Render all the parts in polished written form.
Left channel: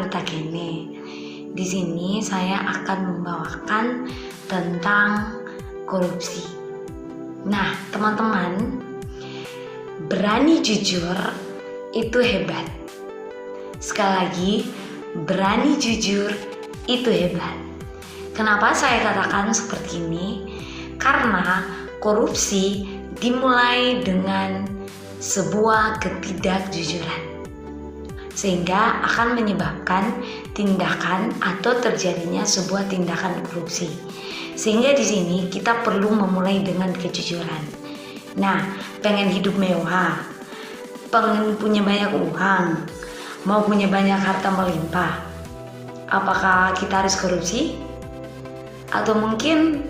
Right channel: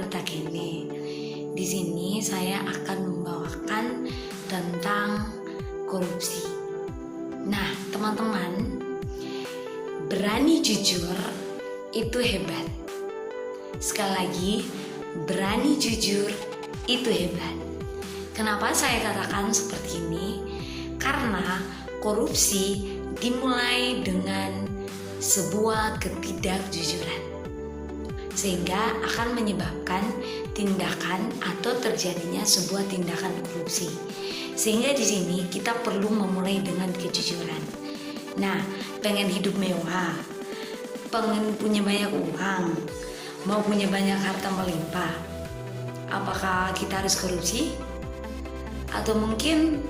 Ruta Kene. Di sini saya akan membawakan tentang korupsi. Nah, teman-teman, berani jujur itu hebat. Sekali lagi, berani jujur itu hebat. Kenapa saya katakan seperti ini? Karena korupsi dimulai dengan sebuah ketidakjujuran, sehingga akan menyebabkan tindakan atau terjadinya sebuah tindakan korupsi. Sehingga di sini kita perlu memulai dengan kejujuran. Nah, pengen hidup mewah, pengen punya banyak uang, mau punya banyak harta melimpah, apakah kita harus korupsi? Atau mungkin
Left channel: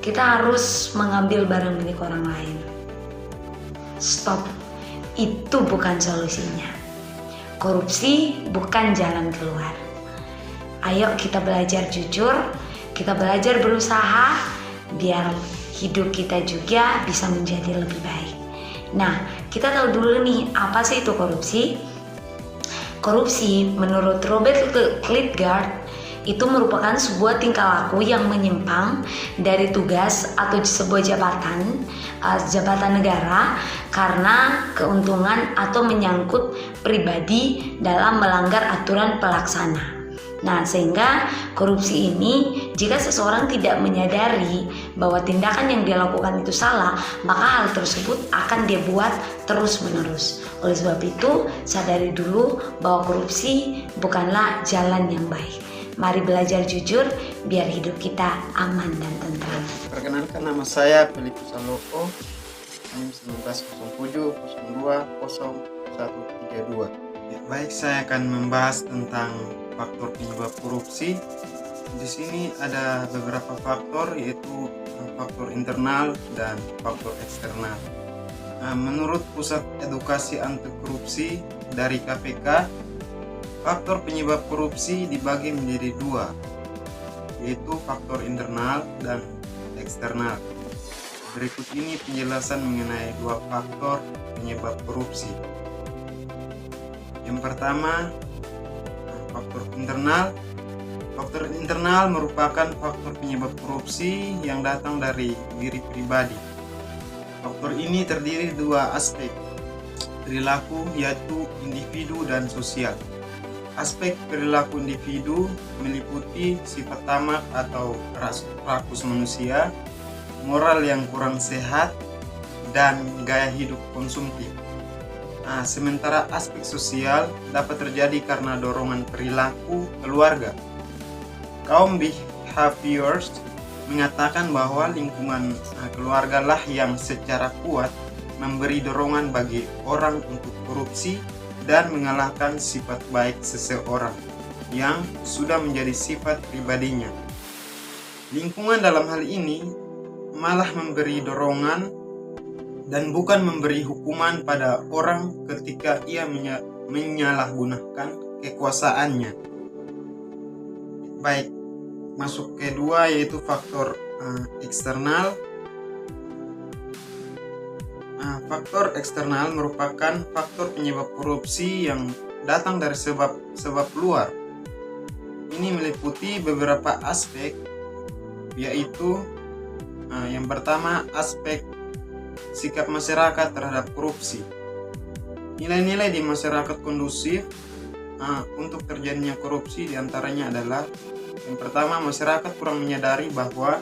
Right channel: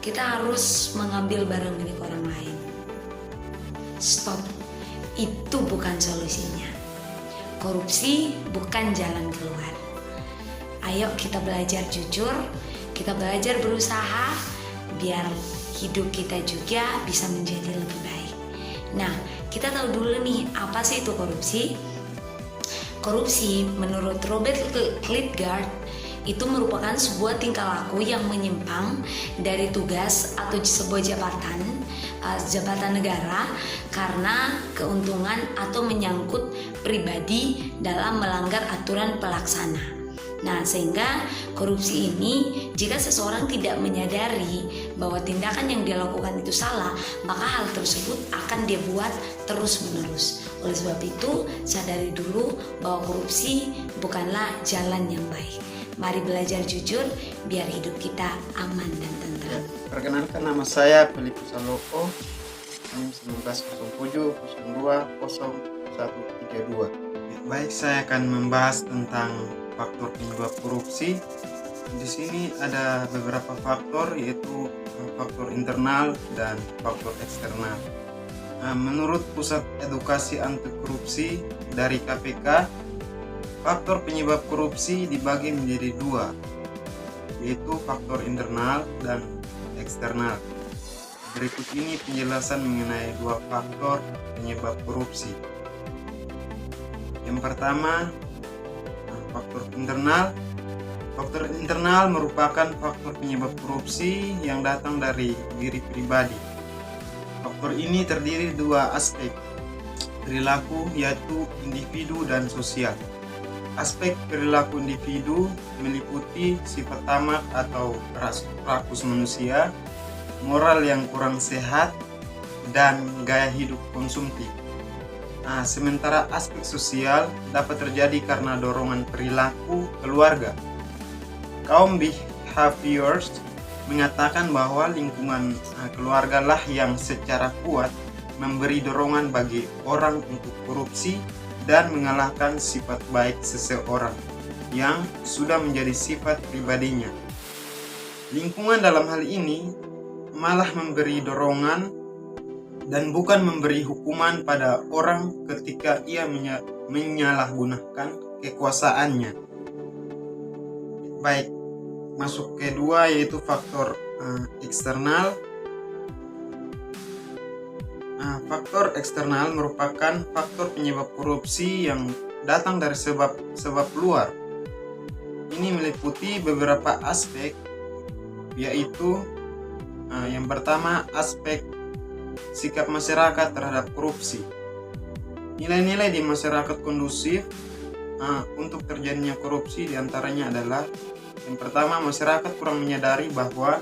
kita harus mengambil barang milik orang lain? Stop, itu bukan solusinya. Korupsi bukan jalan keluar. Ayo kita belajar jujur, kita belajar berusaha, biar hidup kita juga bisa menjadi lebih baik. Nah, kita tahu dulu nih, apa sih itu korupsi? Korupsi menurut Robert Lidgard itu merupakan sebuah tingkah laku yang menyimpang dari tugas atau sebuah jabatan negara karena keuntungan atau menyangkut pribadi dalam melanggar aturan pelaksana. Nah, sehingga korupsi ini, jika seseorang tidak menyadari bahwa tindakan yang dia lakukan itu salah, maka hal tersebut akan dia buat terus-menerus. Oleh sebab itu, sadari dulu bahwa korupsi bukanlah jalan yang baik. Mari belajar jujur biar hidup kita aman dan tentram. Perkenalkan, nama saya Filipus Aloko, NIM 1907020132. Baik, saya akan membahas tentang faktor penyebab korupsi. Di sini ada beberapa faktor, yaitu faktor internal dan faktor eksternal. Menurut Pusat Edukasi Anti Korupsi dari KPK, faktor penyebab korupsi dibagi menjadi dua, yaitu faktor internal dan eksternal. Berikut ini penjelasan mengenai dua faktor penyebab korupsi. Yang pertama, faktor internal. Faktor internal merupakan faktor penyebab korupsi yang datang dari diri pribadi. Faktor ini terdiri dua aspek, perilaku, yaitu individu dan sosial. Aspek perilaku individu meliputi sifat tamak atau rakus manusia, moral yang kurang sehat, dan gaya hidup konsumtif. Sementara aspek sosial dapat terjadi karena dorongan perilaku keluarga. Kaum behaviorist mengatakan bahwa lingkungan keluarga lah yang secara kuat memberi dorongan bagi orang untuk korupsi dan mengalahkan sifat baik seseorang yang sudah menjadi sifat pribadinya. Lingkungan dalam hal ini malah memberi dorongan dan bukan memberi hukuman pada orang ketika ia menyalahgunakan kekuasaannya. Baik, masuk kedua, yaitu faktor eksternal. Faktor eksternal merupakan faktor penyebab korupsi yang datang dari sebab luar. Ini meliputi beberapa aspek, yaitu yang pertama, aspek sikap masyarakat terhadap korupsi. Nilai-nilai di masyarakat kondusif untuk terjadinya korupsi diantaranya adalah: yang pertama, masyarakat kurang menyadari bahwa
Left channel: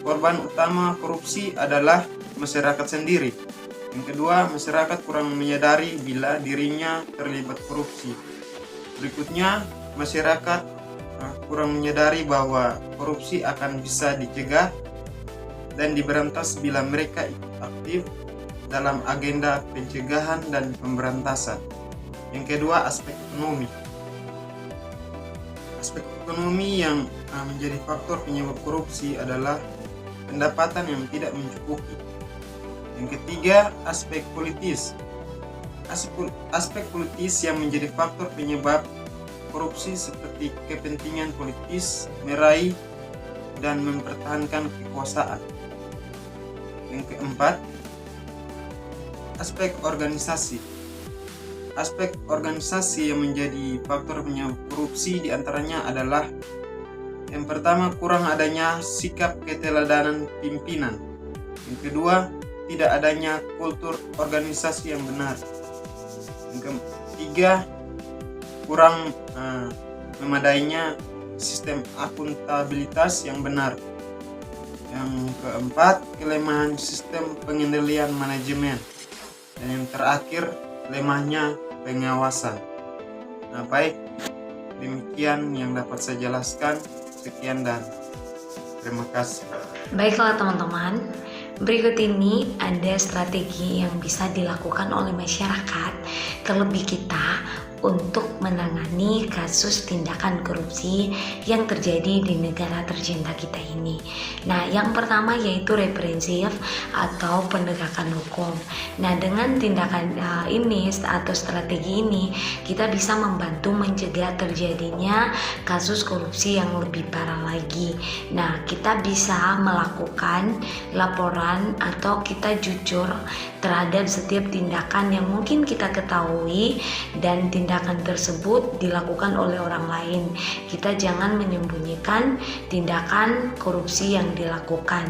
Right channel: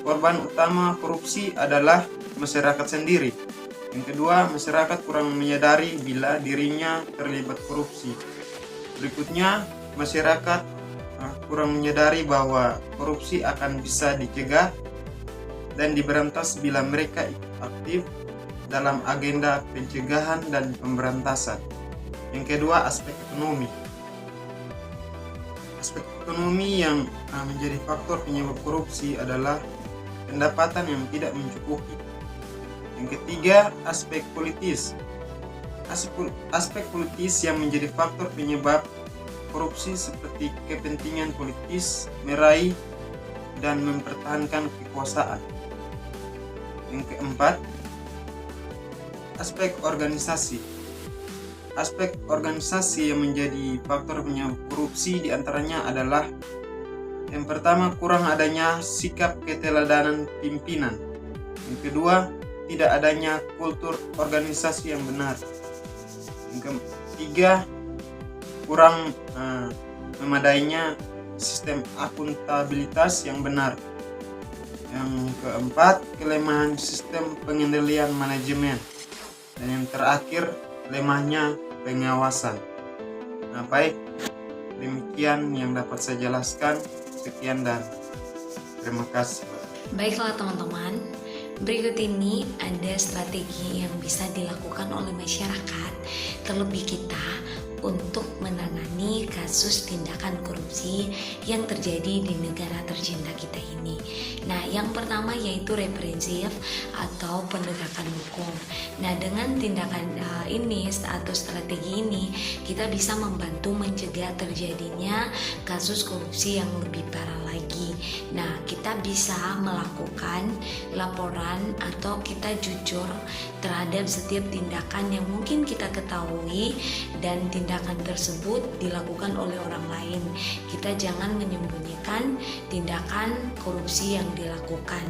korban utama korupsi adalah masyarakat sendiri. Yang kedua, masyarakat kurang menyadari bila dirinya terlibat korupsi. Berikutnya, masyarakat kurang menyadari bahwa korupsi akan bisa dicegah dan diberantas bila mereka ikut aktif dalam agenda pencegahan dan pemberantasan. Yang kedua, aspek ekonomi. Aspek ekonomi yang menjadi faktor penyebab korupsi adalah pendapatan yang tidak mencukupi. Yang ketiga, aspek politis. Aspek politis yang menjadi faktor penyebab korupsi seperti kepentingan politis meraih dan mempertahankan kekuasaan. Yang keempat, aspek organisasi. aspek organisasi yang menjadi faktor penyebab korupsi diantaranya adalah yang pertama, kurang adanya sikap keteladanan pimpinan. Yang kedua, tidak adanya kultur organisasi yang benar. Yang ketiga, kurang memadainya sistem akuntabilitas yang benar. Yang keempat, kelemahan sistem pengendalian manajemen. Dan yang terakhir, lemahnya pengawasan. Nah, baik, demikian yang dapat saya jelaskan. Sekian dan terima kasih. Baiklah teman-teman, berikut ini ada strategi yang bisa dilakukan oleh masyarakat, terlebih kita, untuk menangani kasus tindakan korupsi yang terjadi di negara tercinta kita ini. Nah, yang pertama yaitu represif atau penegakan hukum. Nah, dengan tindakan ini atau strategi ini, kita bisa membantu mencegah terjadinya kasus korupsi yang lebih parah lagi. Nah, kita bisa melakukan laporan atau kita jujur terhadap setiap tindakan yang mungkin kita ketahui dan tindakan tersebut dilakukan oleh orang lain. Kita jangan menyembunyikan tindakan korupsi yang dilakukan.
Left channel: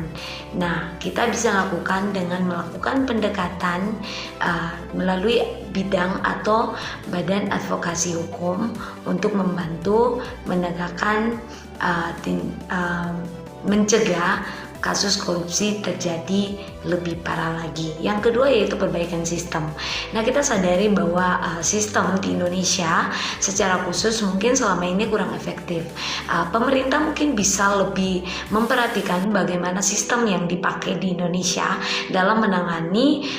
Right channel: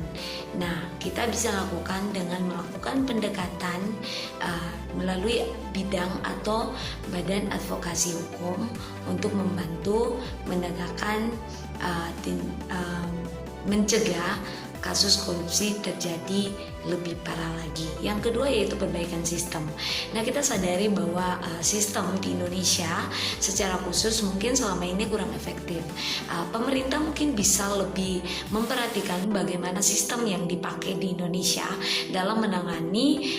Nah, kita bisa lakukan dengan melakukan pendekatan melalui bidang atau badan advokasi hukum untuk membantu menegakkan mencegah kasus korupsi terjadi lebih parah lagi. Yang kedua yaitu perbaikan sistem. Nah, kita sadari bahwa sistem di Indonesia secara khusus mungkin selama ini kurang efektif. Pemerintah mungkin bisa lebih memperhatikan bagaimana sistem yang dipakai di Indonesia dalam menangani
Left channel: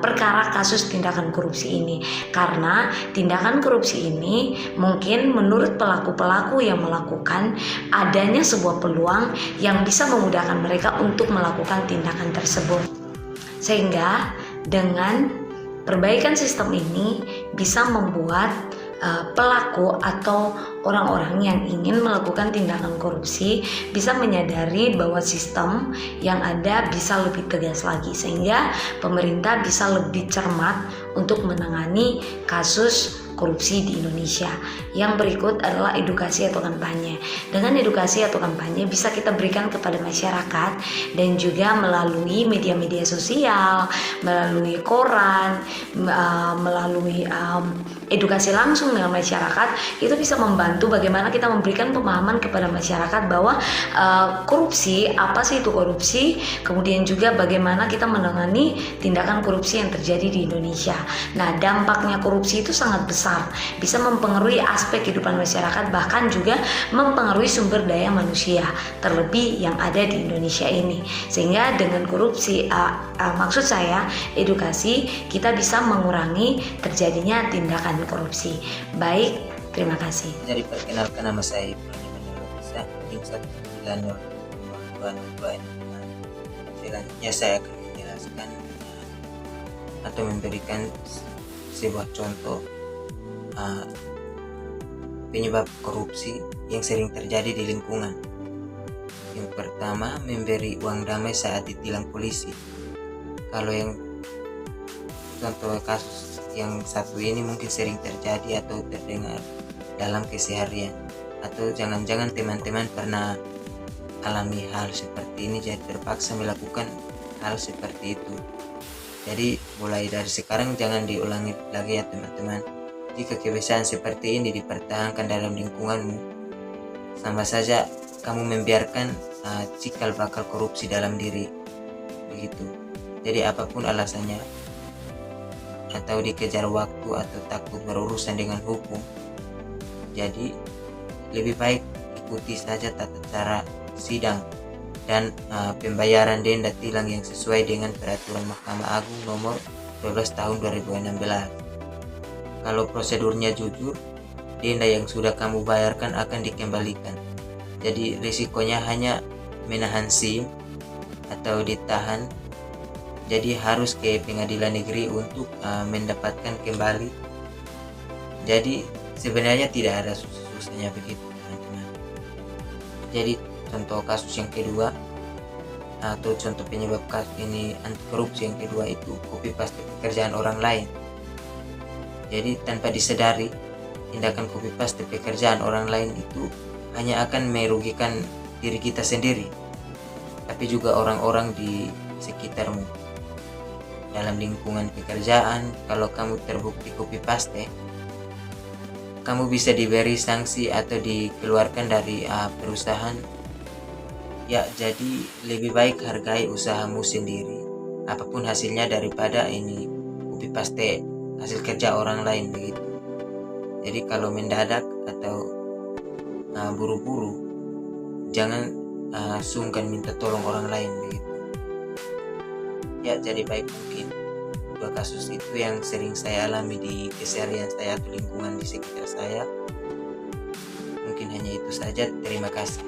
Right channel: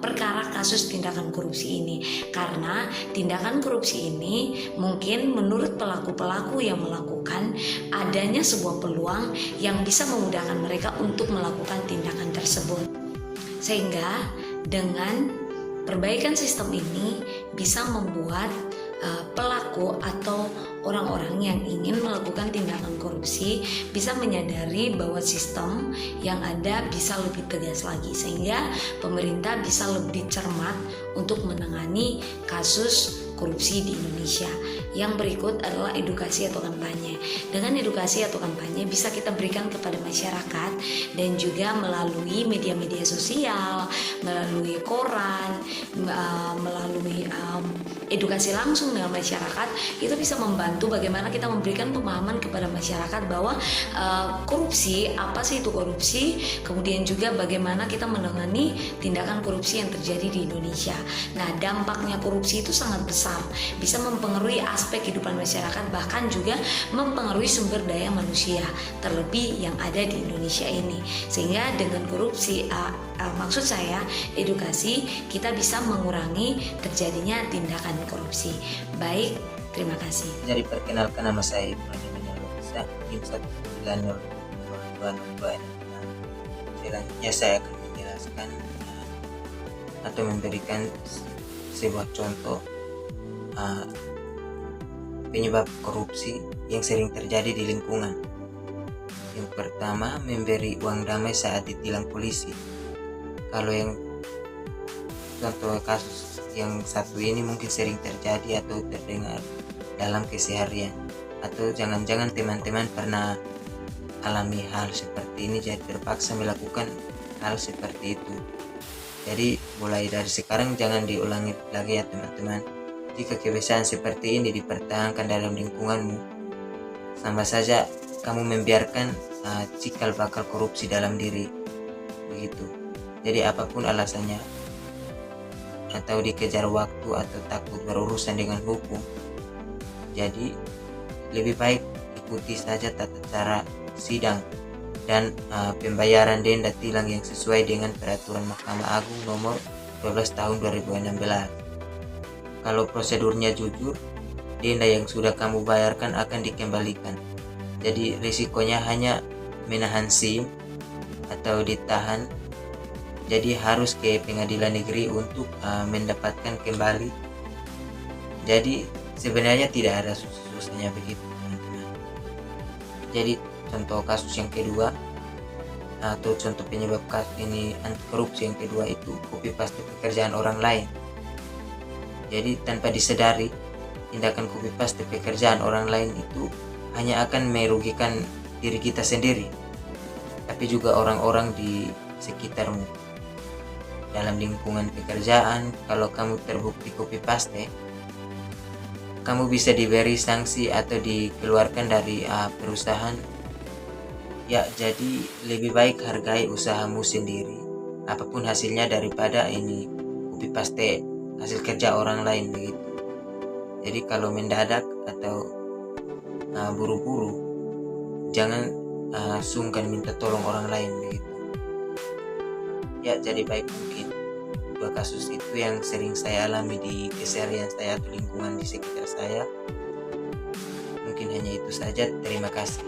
perkara kasus tindakan korupsi ini. Karena tindakan korupsi ini mungkin menurut pelaku-pelaku yang melakukan adanya sebuah peluang yang bisa memudahkan mereka untuk melakukan tindakan tersebut. Sehingga dengan perbaikan sistem ini bisa membuat pelaku atau orang-orang yang ingin melakukan tindakan korupsi bisa menyadari bahwa sistem yang ada bisa lebih tegas lagi, sehingga pemerintah bisa lebih cermat untuk menangani kasus korupsi di Indonesia. Yang berikut adalah edukasi atau kampanye. Dengan edukasi atau kampanye bisa kita berikan kepada masyarakat dan juga melalui media-media sosial, melalui koran, melalui edukasi langsung dengan masyarakat. Itu bisa membantu bagaimana kita memberikan pemahaman kepada masyarakat bahwa korupsi, apa sih itu korupsi, kemudian juga bagaimana kita menangani tindakan korupsi yang terjadi di Indonesia. Nah, dampaknya korupsi itu sangat besar, bisa mempengaruhi aspek kehidupan masyarakat, bahkan juga mempengaruhi sumber daya manusia, terlebih yang ada di Indonesia ini. Sehingga dengan korupsi, maksud saya edukasi, kita bisa mengurangi terjadinya tindakan korupsi. Baik, terima kasih. Jadi perkenalkan, nama saya Ibrahim Menelisa, NIM 1902202 ini. Selanjutnya saya akan menjelaskan atau memberikan sebuah contoh penyebab korupsi yang sering terjadi di lingkungan. Yang pertama, memberi uang damai saat ditilang polisi. Kalau yang contoh kasus yang satu ini mungkin sering terjadi atau terdengar dalam keseharian, atau jangan-jangan teman-teman pernah alami hal seperti ini jadi terpaksa melakukan hal seperti itu. Jadi mulai dari sekarang jangan diulangi lagi ya teman-teman. Jika kebiasaan seperti ini dipertahankan dalam lingkunganmu, sama saja kamu membiarkan cikal bakal korupsi dalam diri, begitu. Jadi apapun alasannya, atau dikejar waktu atau takut berurusan dengan hukum, jadi lebih baik ikuti saja tata cara sidang dan pembayaran denda tilang yang sesuai dengan peraturan Mahkamah Agung nomor 12 tahun 2016. Kalau prosedurnya jujur, denda yang sudah kamu bayarkan akan dikembalikan. Jadi risikonya hanya menahan SIM atau ditahan. Jadi harus ke pengadilan negeri untuk mendapatkan kembali. Jadi sebenarnya tidak ada susah-susahnya begitu teman-teman. Jadi contoh kasus yang kedua atau contoh penyebab kasus ini anti korupsi yang kedua itu copy paste pekerjaan orang lain. Jadi tanpa disadari, tindakan copy paste pekerjaan orang lain itu hanya akan merugikan diri kita sendiri, tapi juga orang-orang di sekitarmu. Dalam lingkungan pekerjaan, kalau kamu terbukti copy paste, kamu bisa diberi sanksi atau dikeluarkan dari perusahaan. Ya, jadi lebih baik hargai usahamu sendiri, apapun hasilnya, daripada ini copy paste hasil kerja orang lain begitu. Jadi kalau mendadak atau buru-buru, jangan sungkan minta tolong orang lain begitu. Ya, jadi baik mungkin 2 kasus itu yang sering saya alami di keseharian saya atau lingkungan di sekitar saya. Mungkin hanya itu saja. Terima kasih.